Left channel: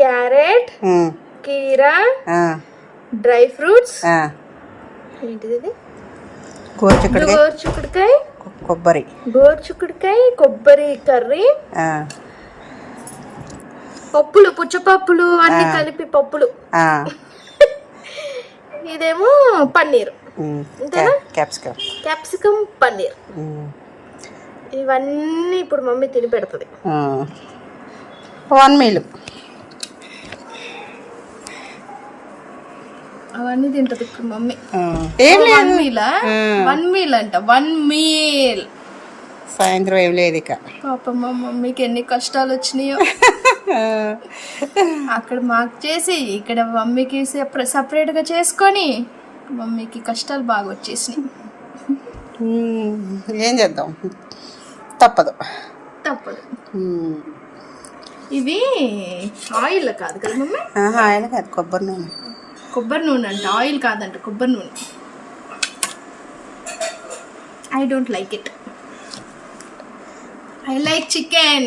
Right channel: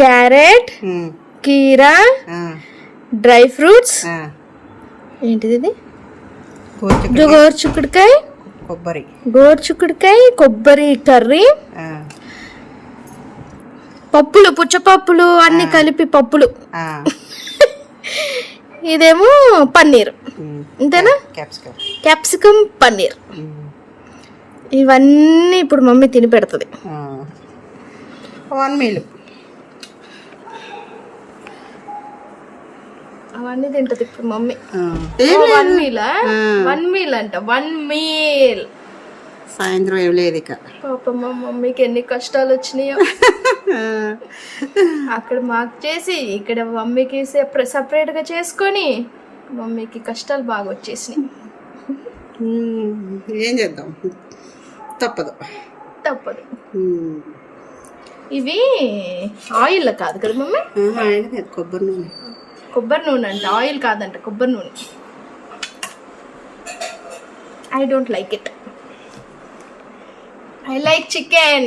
Carrot కీరా dry fruits. ఏంటిది ఇది? గోరుచిక్కుడు గోరుచుక్కుడుకాయ కొబ్బరి. గోరుచుక్కుడుకాయ కొబ్బరి కర్రీ. పప్పులు పుచ్చపప్పులు అన్ని కలిపి పప్పులు. ఇదేమో పన్నీర్. అంతేనా? క్యాప్సికమ్. క్యాప్సికమ్ పన్నీర్. ఇవన్నీ ఇప్పుడు మమ్మీ తిని పెడుతుంది. One meal. అవన్నీ తింటది మమ్మీ. ఏం వన్ లేదు. మీల్ వన్ మీల్ అంట. వన్ మీల్ సాయంత్రం ఏం లేదు ఇక. పాప మా మమ్మీకి ఎన్ని కష్టాలు వచ్చినాయో. అక్కడ మాకు చేసి ఇక్కడ మమ్మీకి సెపరే సపరేట్గా చేసుకొని మమ్మీకి కష్టాలు బాగా వచ్చేసినాయి. ఏం చేద్దాం? తప్పదు. తప్పదు. ఇవి ఆయిల్ కాదు కదా మమ్మీ? ఆయన కాదు కొబ్బరి నూనె. కొబ్బరి నూనె అంట ఆయిల్ కాదంట కొబ్బరి నూనె. I don't like it I like chicken